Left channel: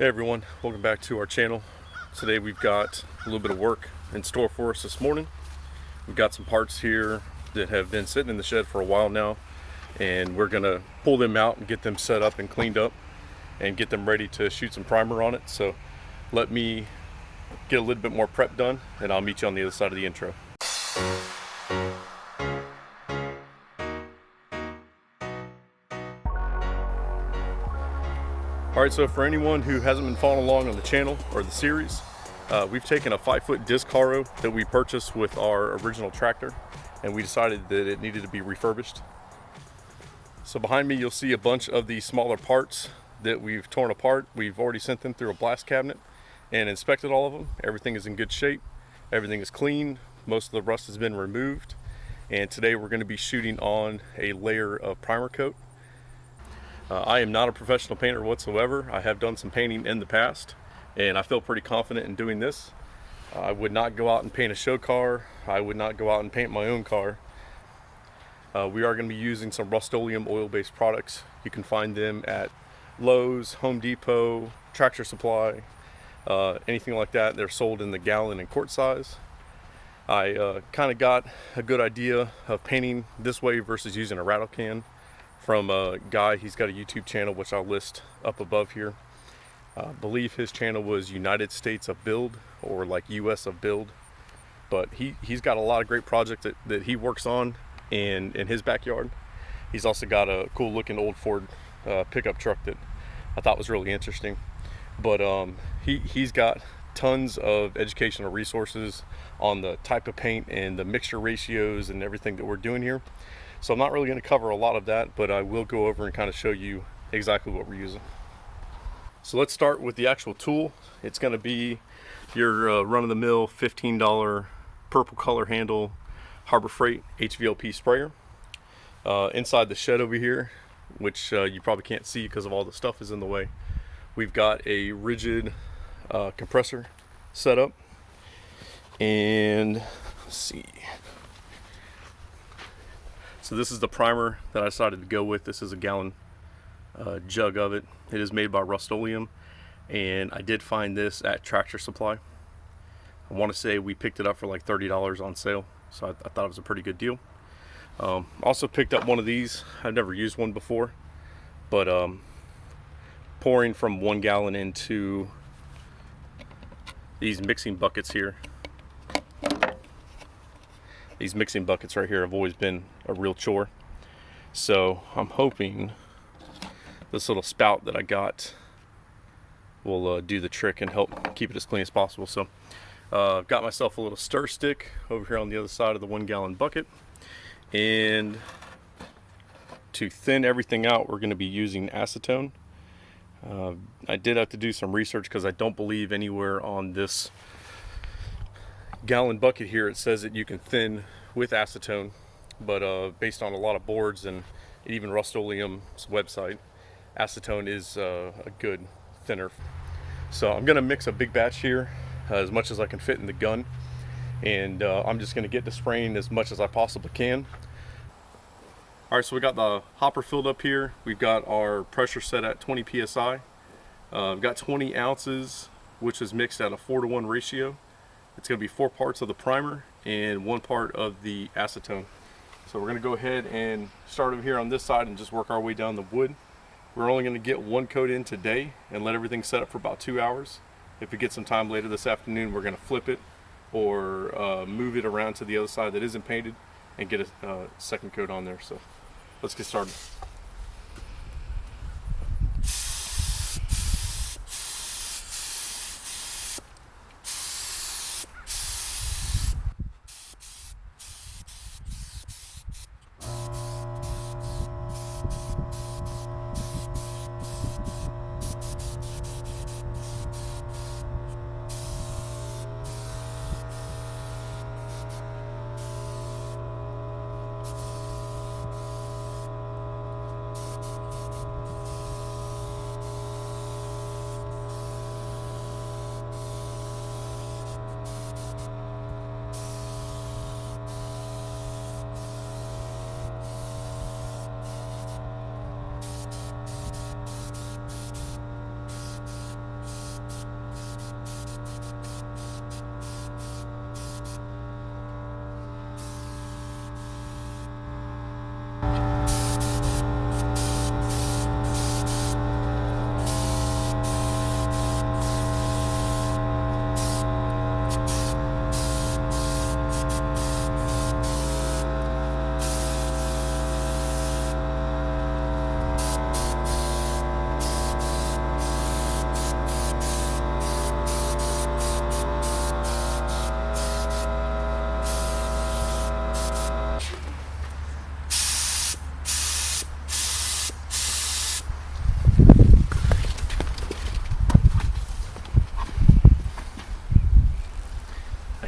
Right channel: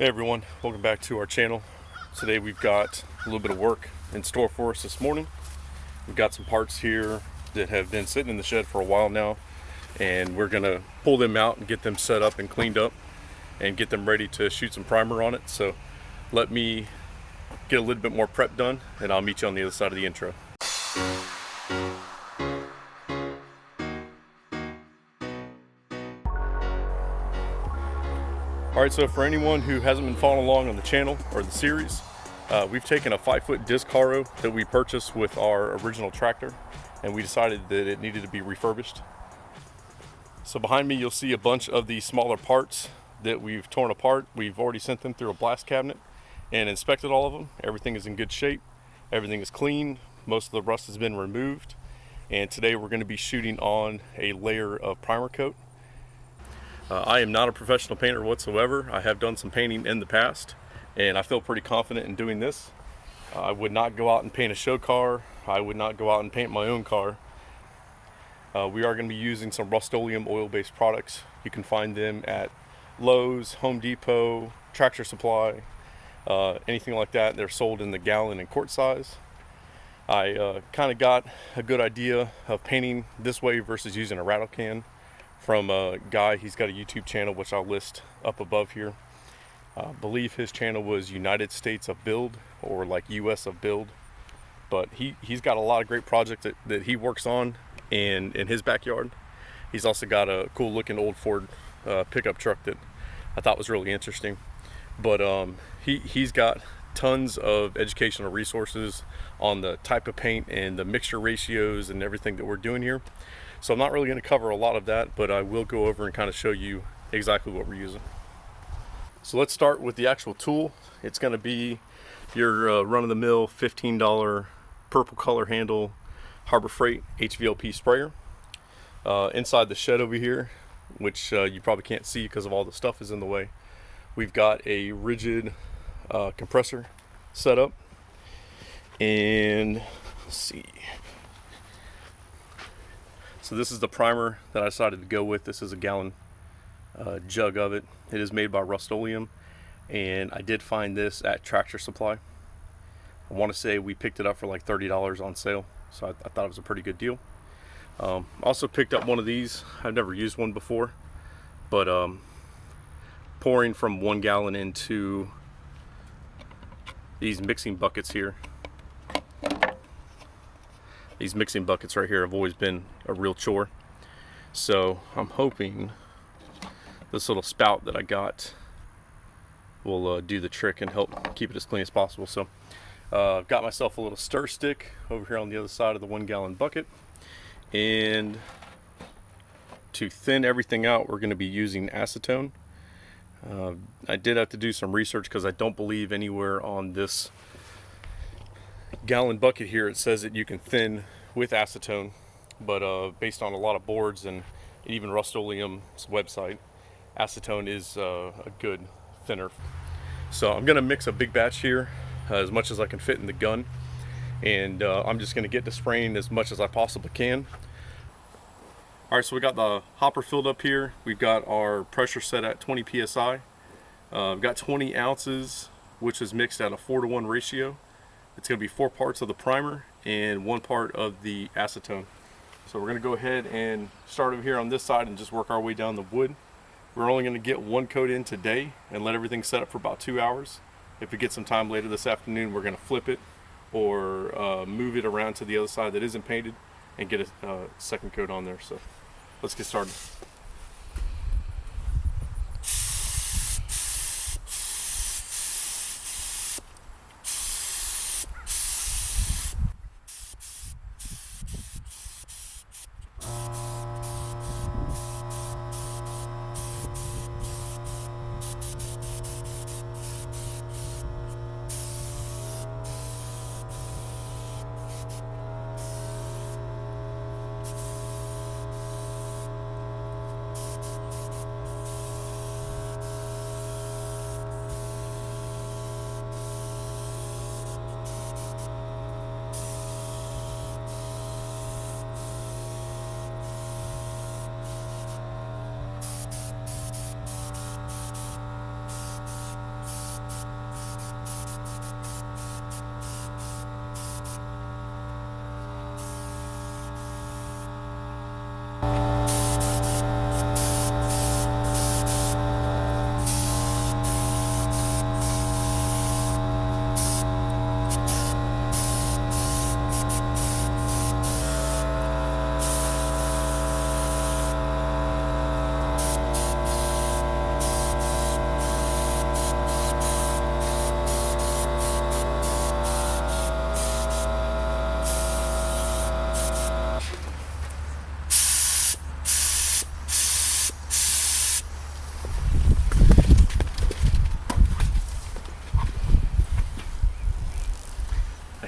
Hey everyone, welcome back to our channel. Today we've got a little bit of work in store for us this morning. We've got some parts here that have been sitting in the shed for a while now, and we're gonna pull them out and get them set up and cleaned up and get them ready to shoot some primer on it. So let me get a little bit more prep done and I'll meet you on the other side of the intro. Alright, so for anyone who hasn't been following along on the channel or the series, we've taken a 5-foot disc Harrow that we purchased with our original tractor, and we decided that it needed to be refurbished. So behind me you'll see a bunch of the smaller parts that we've torn apart. We've already sent them through a blast cabinet and inspected all of them. Everything is in good shape. Everything is clean. Most of the rust has been removed. And today we're going to be shooting on a layer of primer coat. I am not a professional painter whatsoever. I have done some painting in the past, and I feel pretty confident in doing this. I would not go out and paint a show car. I would not go out and paint my own car. We are going to be using some Rustoleum oil-based products. You can find them at Lowe's, Home Depot, Tractor Supply, anything like that. They're sold in the gallon and quart size. I kind of got a good idea of painting this way versus using a rattle can from a guy. He's got a YouTube channel which I'll list up above here. I believe his channel was United States of Build, or like US of Build, but he's got a lot of great projects that he works on in his backyard. He's also got a cool looking old Ford pickup truck that I thought was really interesting. But he's got tons of educational resources on the type of paint and the mixture ratios and everything that we're doing here. So I'm not really going to cover a lot of that, but I will go over and kind of show you exactly what we're using. So let's start with the actual tool. It's going to be your run-of-the-mill $15 purple color handle Harbor Freight HVLP sprayer. Inside the shed over here, which you probably can't see because of all the stuff is in the way, we've got a rigid compressor set up. And let's see. So this is the primer that I decided to go with. This is a gallon jug of it. It is made by Rustoleum, and I did find this at Tractor Supply. I want to say we picked it up for like $30 on sale, so I thought it was a pretty good deal. Also picked up one of these. I've never used one before, but pouring from 1 gallon into these mixing buckets here. These mixing buckets right here have always been a real chore. So I'm hoping this little spout that I got will do the trick and help keep it as clean as possible. So I've got myself a little stir stick over here on the other side of the 1 gallon bucket. And to thin everything out, we're going to be using acetone. I did have to do some research because I don't believe anywhere on this gallon bucket here it says that you can thin with acetone, but based on a lot of boards and even Rustoleum's website, acetone is a good thinner. So I'm going to mix a big batch here as much as I can fit in the gun, and I'm just going to get to spraying as much as I possibly can. Alright, so we got the hopper filled up here. We've got our pressure set at 20 psi. We've got 20 ounces, which is mixed at a 4-to-1 ratio. It's going to be 4 parts of the primer and 1 part of the acetone. So we're going to go ahead and start over here on this side and just work our way down the wood. We're only going to get 1 coat in today and let everything set up for about 2 hours. If we get some time later this afternoon, we're going to flip it or move it around to the other side that isn't painted and get a second coat on there. So let's get started.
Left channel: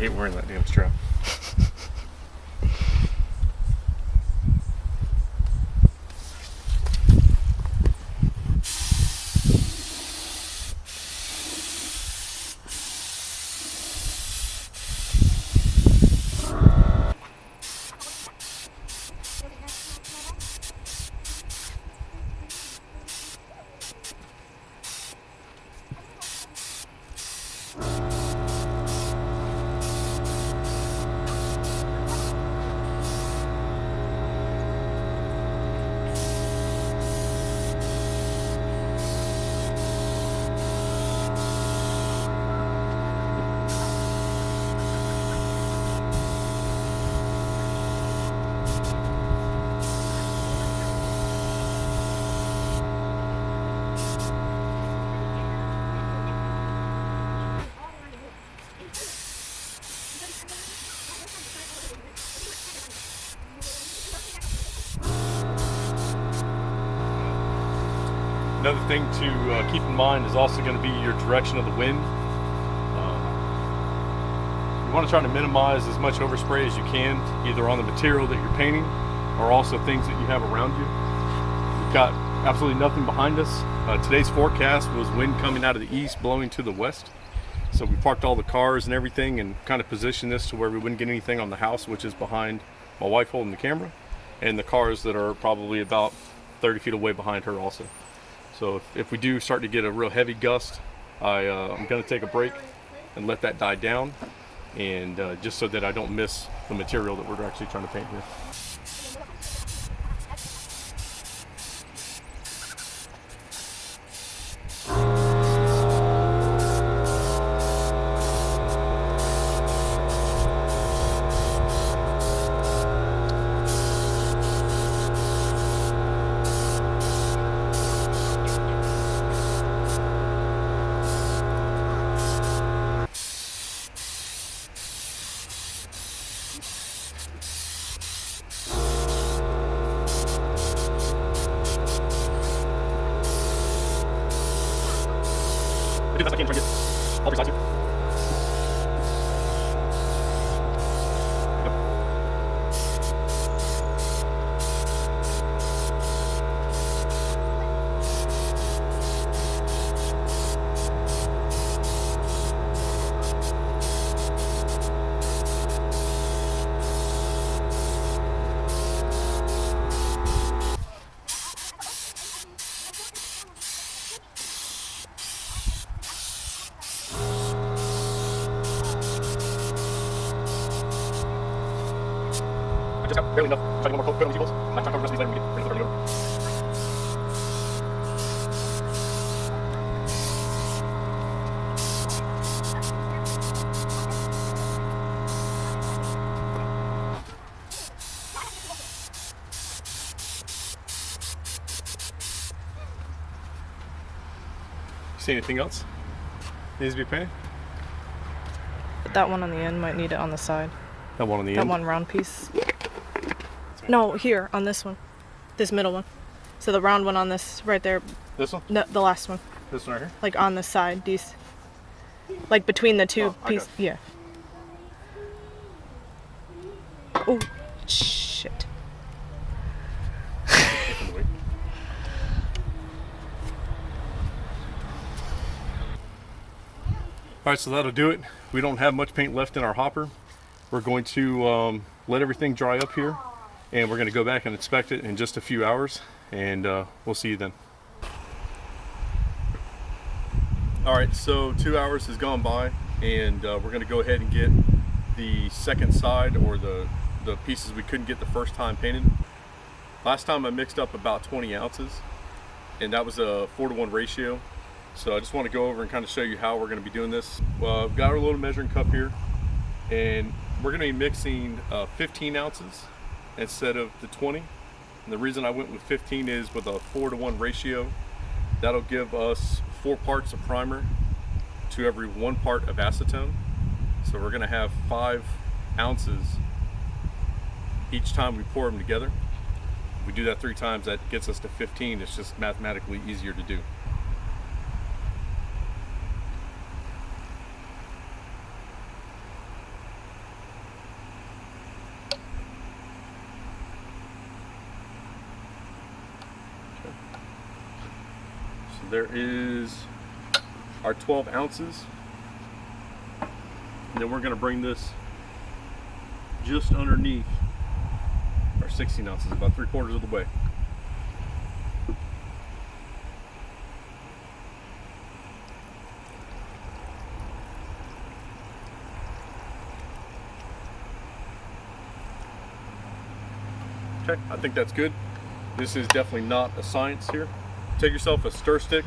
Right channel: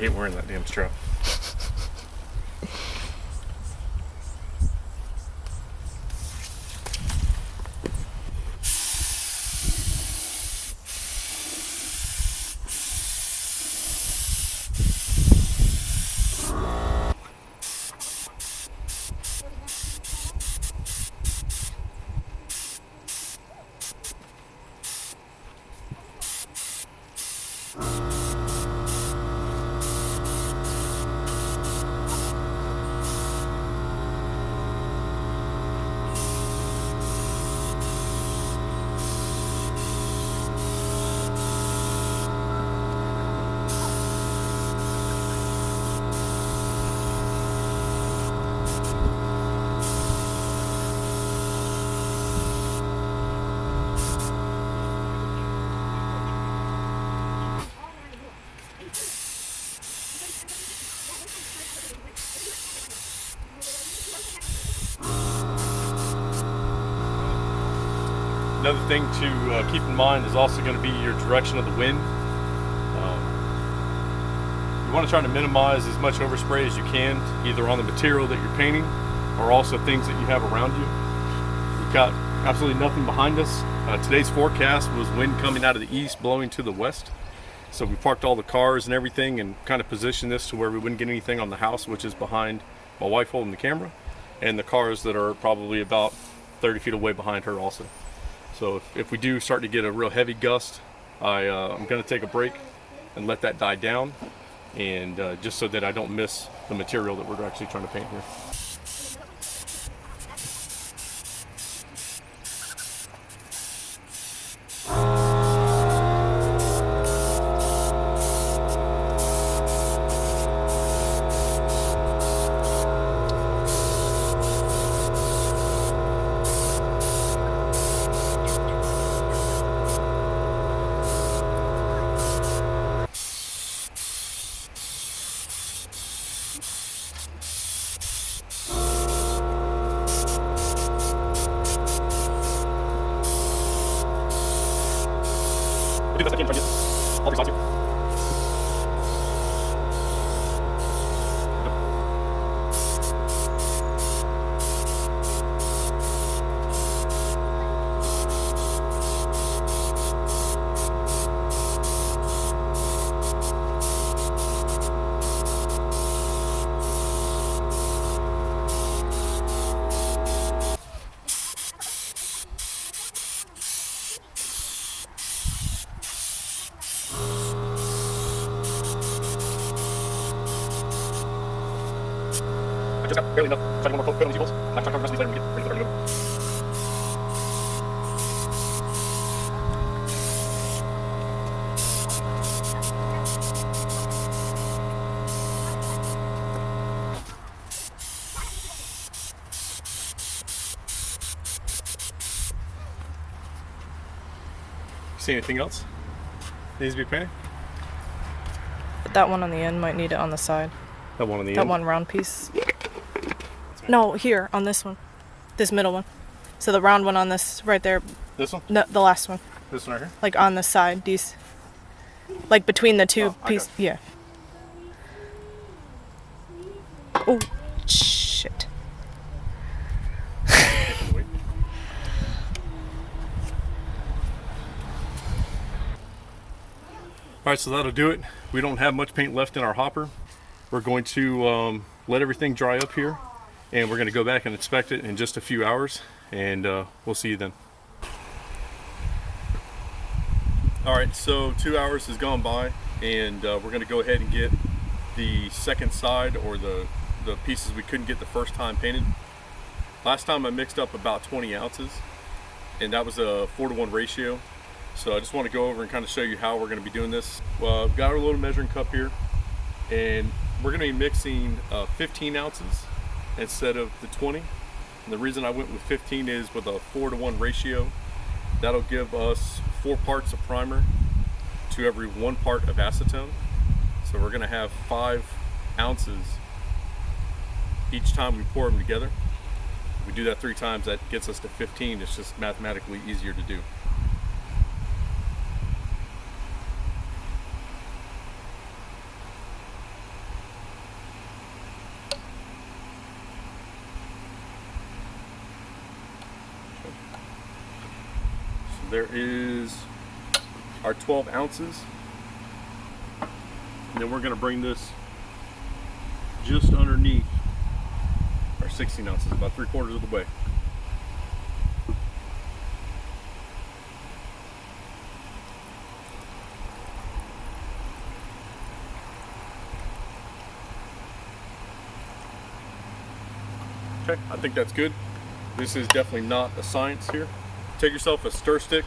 hate wearing that damn strap. Another thing to keep in mind is also going to be your direction of the wind. You want to try to minimize as much overspray as you can, either on the material that you're painting or also things that you have around you. We've got absolutely nothing behind us. Today's forecast was wind coming out of the east, blowing to the west. So we parked all the cars and everything and kind of positioned this to where we wouldn't get anything on the house, which is behind my wife holding the camera, and the cars that are probably about 30 feet away behind her also. So if we do start to get a real heavy gust, I'm going to take a break and let that die down, and just so that I don't miss the material that we're actually trying to paint here. Just got barely enough. Try to get one more coat on these details. I'm trying to cover the rest of these later when we get ready to go. See anything else needs to be painted? That one on the end might need it on the side. That one on the end? That one round piece. No, here, on this one. This middle one. So the round one on this, right there. This one? No, the last one. This one right here? Like on the side. These. Like between the two pieces. Yeah. Oh, shit. Alright, so that'll do it. We don't have much paint left in our hopper. We're going to let everything dry up here, and we're going to go back and inspect it in just a few hours, and we'll see you then. Alright, so 2 hours has gone by, and we're going to go ahead and get the second side, or the pieces we couldn't get the first time painted. Last time I mixed up about 20 ounces, and that was a 4-to-1 ratio. So I just want to go over and kind of show you how we're going to be doing this. Well, I've got our little measuring cup here, and we're going to be mixing 15 ounces instead of the 20. And the reason I went with 15 is with a 4-to-1 ratio, that'll give us 4 parts of primer to every 1 part of acetone. So we're going to have 5 ounces each time we pour them together. If we do that 3 times, that gets us to 15. It's just mathematically easier to do. there is our 12 ounces. And then we're going to bring this just underneath our 16 ounces, about 3/4 of the way. Okay, I think that's good. This is definitely not a science here. Take yourself a stir stick.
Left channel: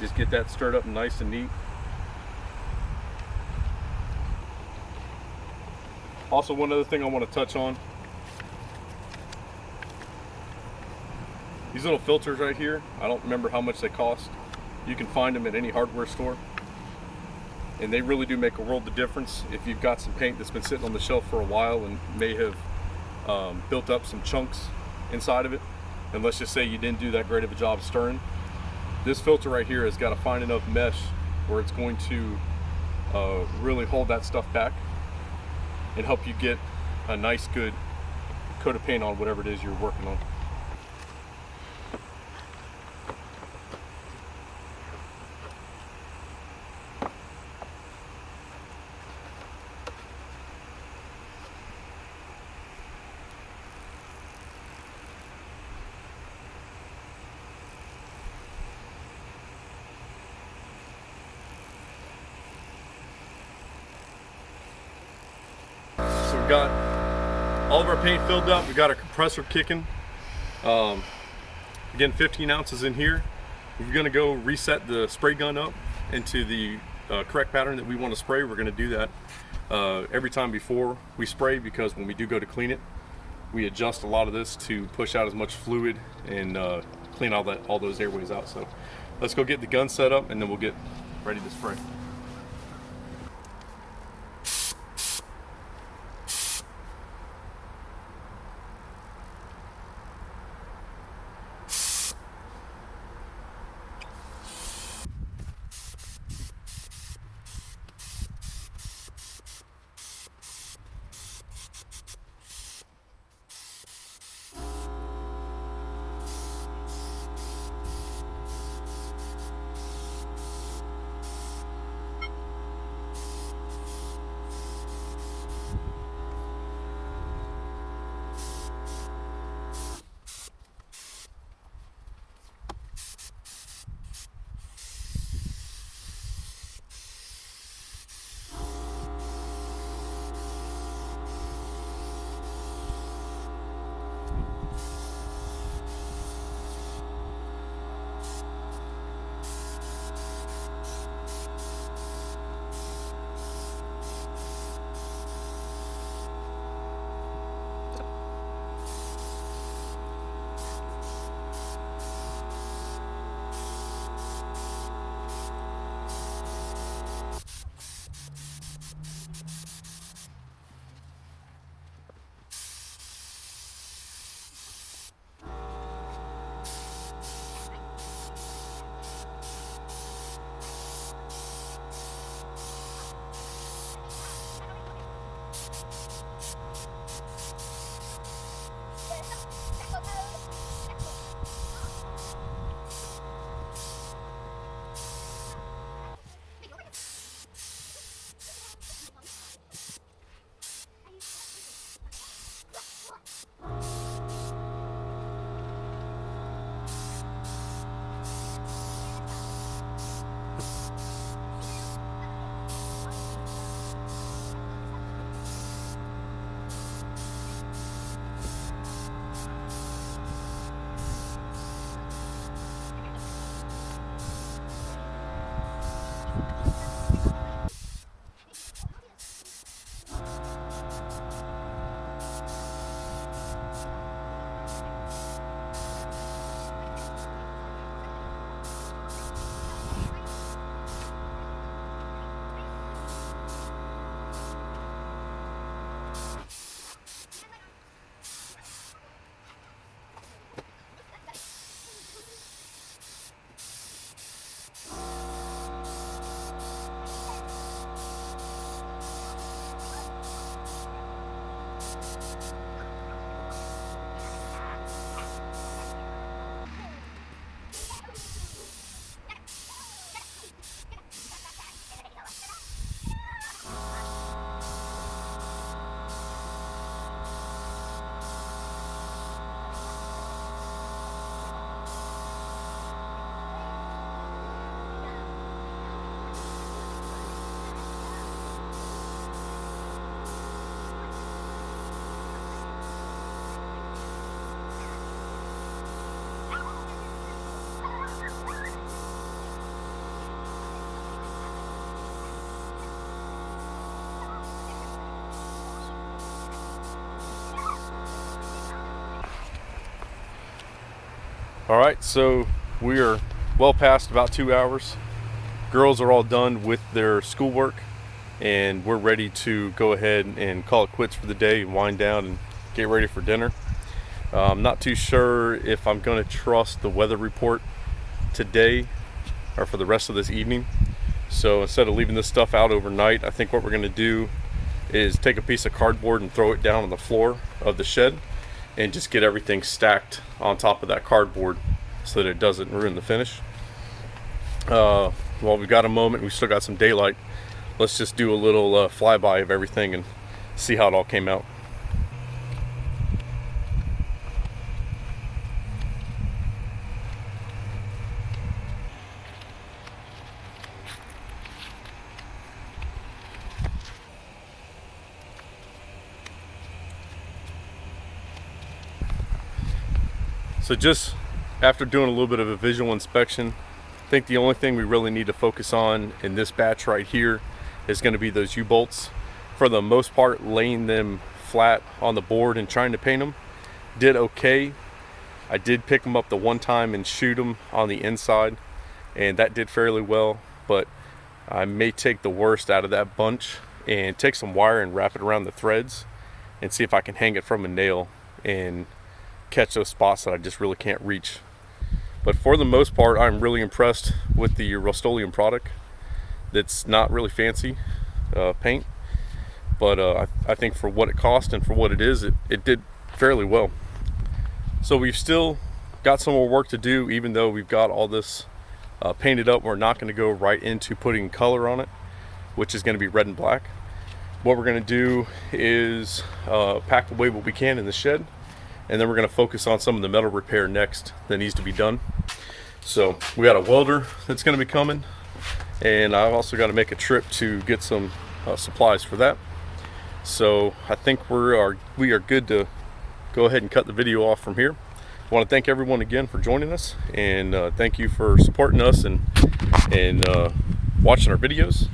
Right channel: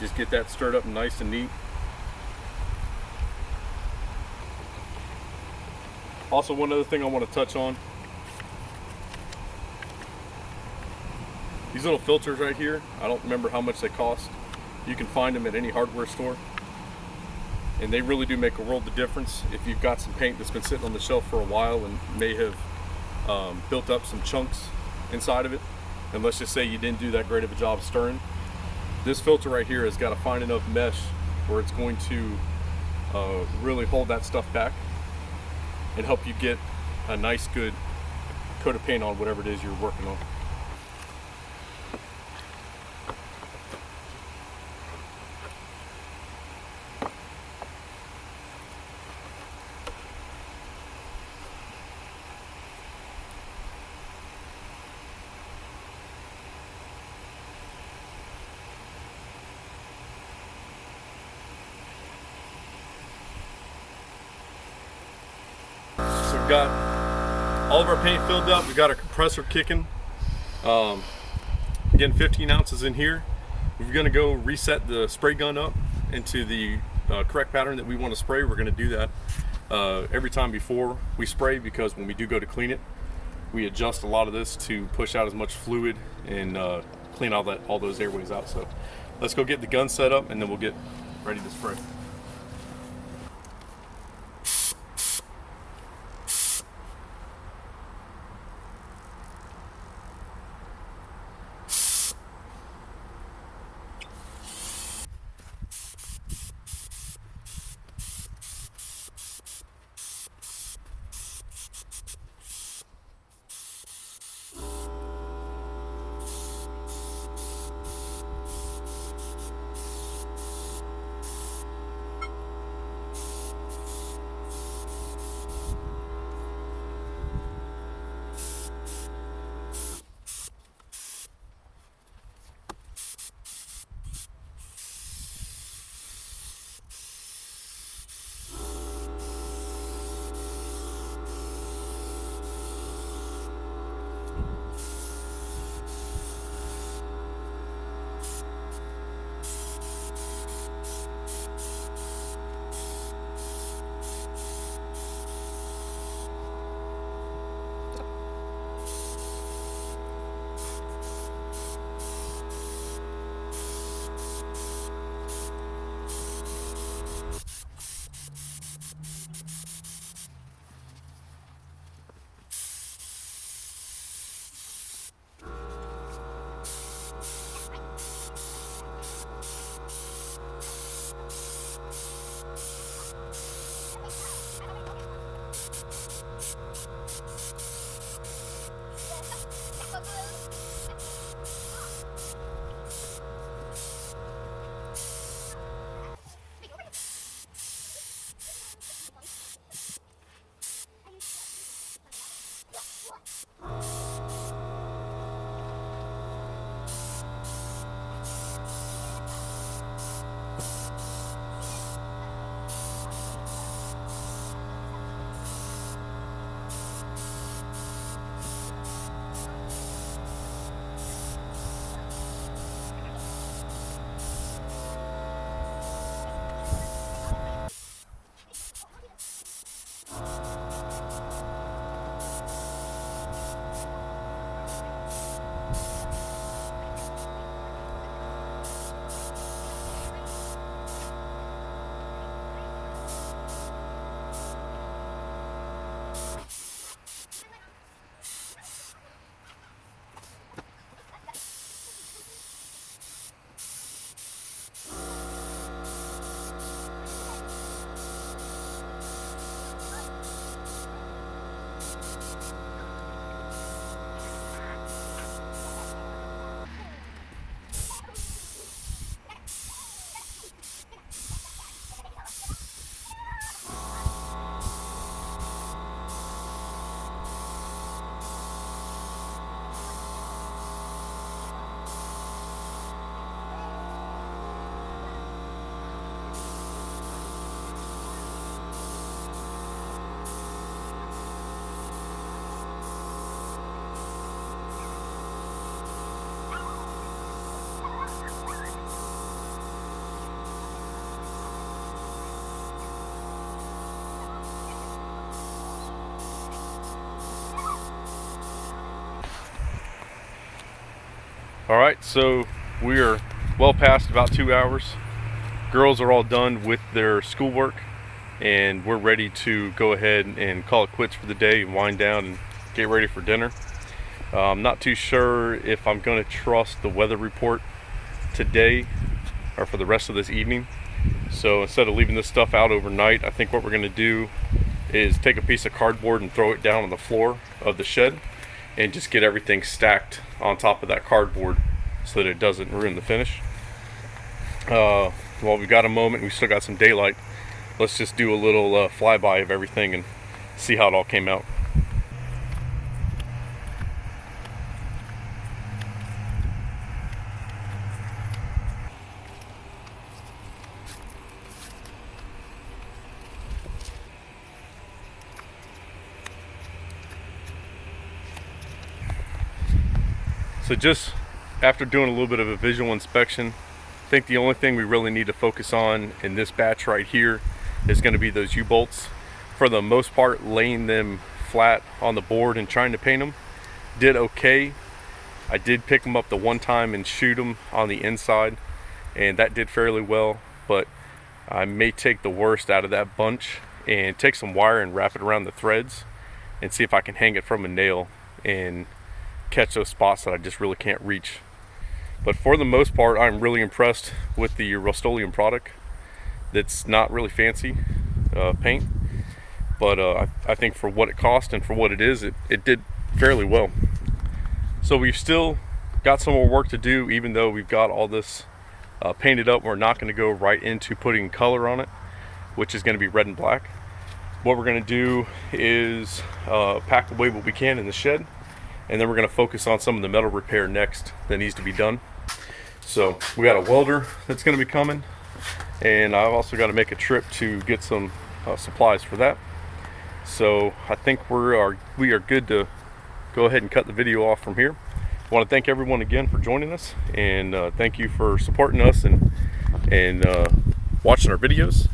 Just get that stirred up nice and neat. Also, one other thing I want to touch on. These little filters right here, I don't remember how much they cost. You can find them at any hardware store. And they really do make a world of difference if you've got some paint that's been sitting on the shelf for a while and may have built up some chunks inside of it. And let's just say you didn't do that great of a job stirring. This filter right here has got a fine enough mesh where it's going to really hold that stuff back and help you get a nice good coat of paint on whatever it is you're working on. So we've got all of our paint filled up. We've got our compressor kicking. Again, 15 ounces in here. We're gonna go reset the spray gun up into the correct pattern that we want to spray. We're gonna do that every time before we spray, because when we do go to clean it, we adjust a lot of this to push out as much fluid and clean all those airways out. So let's go get the gun set up and then we'll get ready to spray. All right, so we are well past about 2 hours. Girls are all done with their schoolwork, and we're ready to go ahead and call it quits for the day and wind down and get ready for dinner. I'm not too sure if I'm going to trust the weather report today or for the rest of this evening. So instead of leaving this stuff out overnight, I think what we're going to do is take a piece of cardboard and throw it down on the floor of the shed and just get everything stacked on top of that cardboard so that it doesn't ruin the finish. While we've got a moment, we still got some daylight, let's just do a little flyby of everything and see how it all came out. So just after doing a little bit of a visual inspection, I think the only thing we really need to focus on in this batch right here is going to be those U-bolts. For the most part, laying them flat on the board and trying to paint them did okay. I did pick them up the one time and shoot them on the inside, and that did fairly well, but I may take the worst out of that bunch and take some wire and wrap it around the threads and see if I can hang it from a nail and catch those spots that I just really can't reach. But for the most part, I'm really impressed with the Rustoleum product. That's not really fancy paint, but I think for what it cost and for what it is, it did fairly well. So we've still got some more work to do. Even though we've got all this painted up, we're not going to go right into putting color on it, which is going to be red and black. What we're going to do is pack away what we can in the shed, and then we're going to focus on some of the metal repair next that needs to be done. So we got a welder that's going to be coming, and I've also got to make a trip to get some supplies for that. So I think we are good to go ahead and cut the video off from here. I want to thank everyone again for joining us, and thank you for supporting us and watching our videos.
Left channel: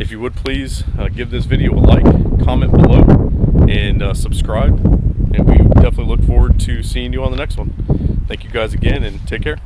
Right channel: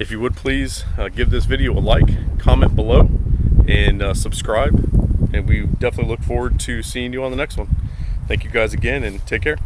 If you would please give this video a like, comment below, and subscribe. And we definitely look forward to seeing you on the next one. Thank you guys again, and take care.